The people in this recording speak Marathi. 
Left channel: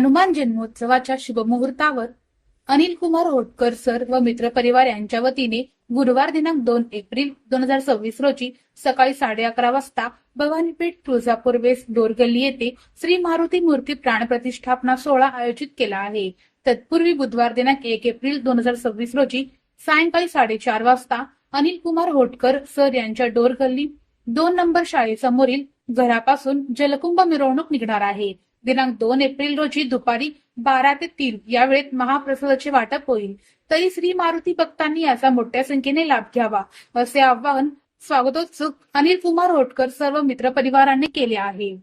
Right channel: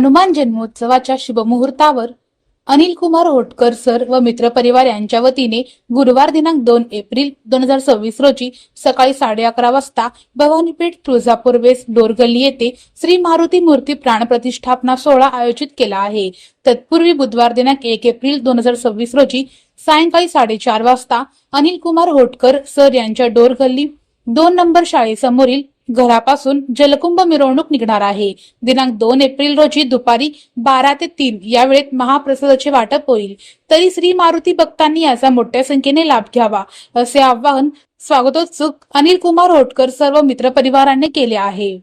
हनुमान जन्मोत्सवाच्या शुभमुहूर्तावर अनिल कुमार होटकर सर व मित्रपरिवार यांच्या वतीने गुरुवार दिनांक 2 एप्रिल 2026 रोजी सकाळी 11:30 वाजता भवानीपेठ तुळजापूर वेस्ट डोरगल्ली येथे श्री मारुती मूर्ती प्राण प्रतिष्ठापना सोहळा आयोजित केला आहे। तत्पूर्वी बुधवार दिनांक 1 एप्रिल 2026 रोजी सायंकाळी 4:30 वाजता अनिल कुमार होटकर सर यांच्या डोरगल्ली 2 नंबर शाळेसमोरील घरापासून जलकुंभ मिरवणूक निघणार आहे। दिनांक 2 एप्रिल रोजी दुपारी 12 ते 3 या वेळेत महाप्रसादाचे वाटप होईल। तरी श्री मारुती भक्तांनी याचा मोठ्या संख्येने लाभ घ्यावा असे आवाहन स्वागतोत्सुक अनिल कुमार होटकर सर्व मित्रपरिवारांनी केले आहे।